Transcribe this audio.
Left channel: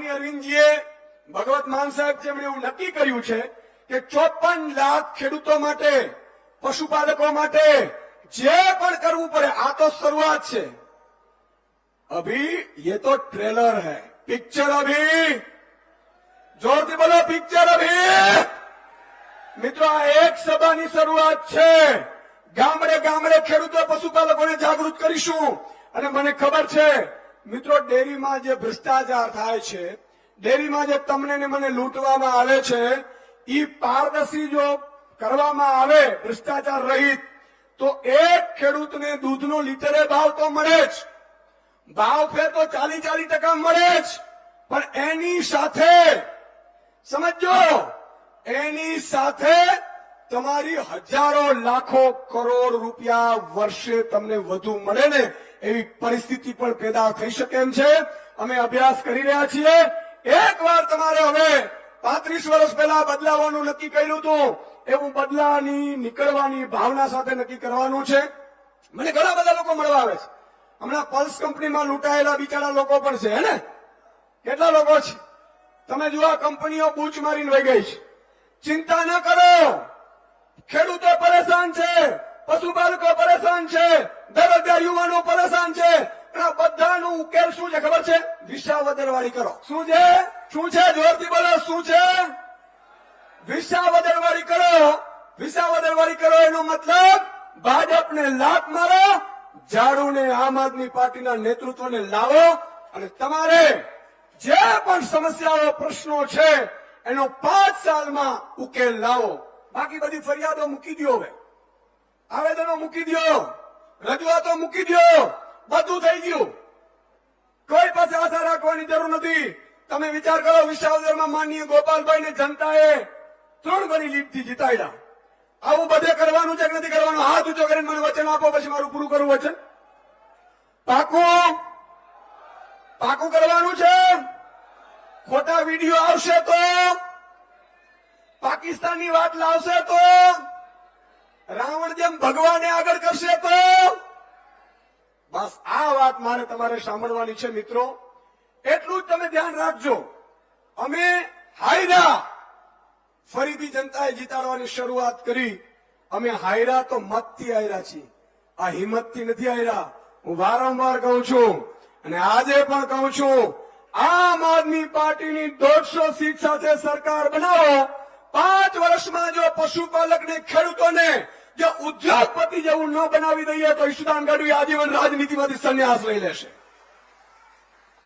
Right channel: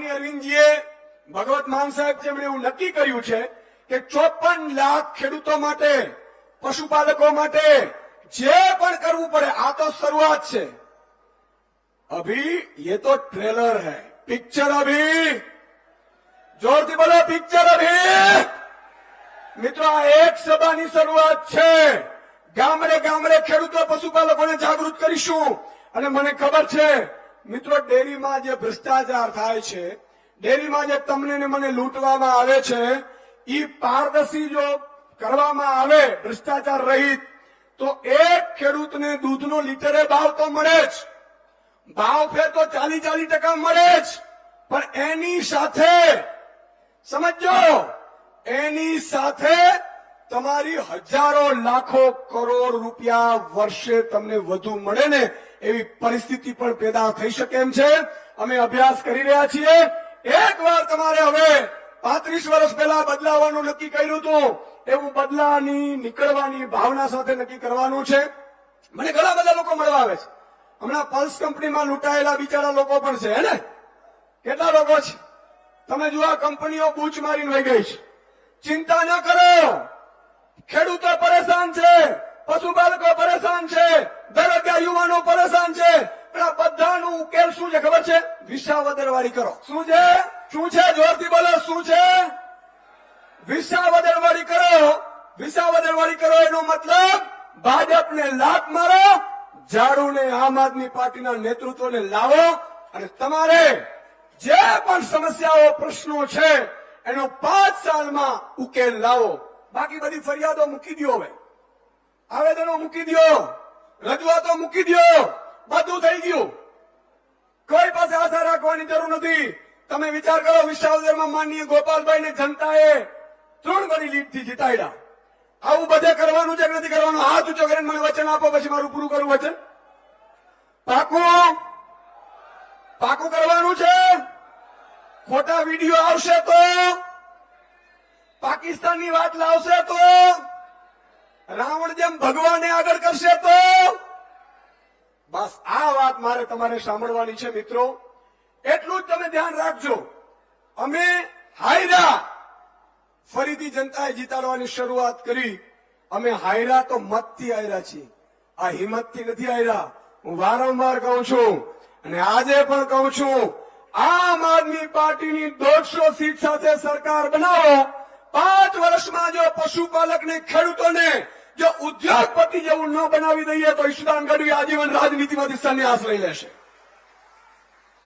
માનનીય અરવિંદજીએ ભગવત માન સાહેબ જેમણે એવું નક્કી કર્યું છે કે 54 લાખ ખેડૂતો માટે, પશુપાલકો માટે જે પણ કરવું પડે, આ તો શરૂઆત છે. અભી ये तो ट्रेलर है, पिक्चर अभी. जोरથી બોલો, પિક્ચર અભી. મિત્રો, આ એક સભાની શરૂઆત છે. ગામડે ગામડે ખેડૂતો, પશુપાલકોને જાગૃત કરીશું. અને મને ખબર છે મિત્રો, ડેરીમાં જે ભ્રષ્ટાચાર થાય છે, ડેરીમાં જે તમને ને મને લૂંટવામાં આવે છે, એ પારદર્શી જો કરવામાં આવે ભ્રષ્ટાચાર રહિત, તો એક ખેડૂતને દૂધનો લીટરે ભાવ તો મળે જ, ભાવ ફેર તો 40% મળે જ, પણ એની સાથે સમજો, એની સાથે તમારી હજારો લાખો કરોડ રૂપિયા વર્ષે તમને વધુ મળે ને એવી પરિસ્થિતિ પણ પેદા થઈ શકે એમ છે. અમે અભ્યાસ કરી રહ્યા છીએ. એકવાર તમારે હવે 35 વર્ષ પહેલા બદલાવાનું નક્કી કર્યું હતું, એવું બદલાની નીકળવાની ભાવના સાથે નક્કી કરવાનું છે. મને ઘણા બધા લોકો મળવા આવે છે. હમણાં પલ્સ કંપનીમાં લૂંટાયેલા બિચારા લોકો પણ છે, હે ને? કેટલા લોકો છે? તમે જુઓ, કંપનીઓ બૂચ મારીને વહી ગઈ છે. ચિંતા ન કરો, ખેડૂતો પરેશાન છે, પશુપાલકો પરેશાન છે, બેરોજગાર યુવાનો પરેશાન છે. પણ આ બધાનો ઉકેલ શું છે ખબર છે? વિસાવદરવાળી કરો. શું છે? શું છે? જોરથી બોલો, શું છે? વિસાવદરવાળી કરો. વિસાવદરવાળી કરો એનો મતલબ ભાજપને લાત મારો, ઝાડુને આમ આદમી પાર્ટીના નેતૃત્વને લાવો અને તમારે જે પણ સમસ્યાઓ, પ્રશ્નો છે એનો 5 સાલમાં ઉકેલ લાવો. બાકી બધી ફરિયાદો મૂકી દો, હવે આવેદનો મૂકી દો, રજૂઆતો મૂકી દો, બધું થઈ ગયું. કોઈ પાસે આશા રાખવાની જરૂર નથી. તમે વિચાર કરો, વિસાવદરમાં માનનીય ગોપાલભાઈને જનતાએ 3 ગણી લીડથી જીતાડ્યા. આવું બધે કરવાનું છે કે નથી કરવાનું? હાથ ઊંચો કરીને મને વચન આપો, પછી મારું પૂરું કરવું વચન. પાકું કરવાનું છે. ખોટા વિડીયો આવશે તો, પાકિસ્તાનની વાત લાવશે તો, રાવણ જેમ ભગવાનને આગળ કરશે તો, બસ આ વાત મારે તમારે સાંભળવાની છે મિત્રો. એટલું જ તમે ધ્યાન રાખજો. અમે હાયરા, ફરીથી જનતાએ જીતાડવાની શરૂઆત કરી. અમે હાયરા તો મતથી હાયરા છીએ, આ હિંમતથી નથી હાયરા. હું વારંવાર કહું છું અને આજે પણ કહું છું, આમ આદમી પાર્ટીની 150 સીટ સાથે સરકાર બનાવો. 5 વર્ષમાં જો પશુપાલકને, ખેડૂતોને જો ઉદ્યોગપતિ જેવું ન બનાવી દઈએ તો ઈશુદાન ગઢવી આજીવન રાજનીતિમાંથી સંન્યાસ લઈ લેશે.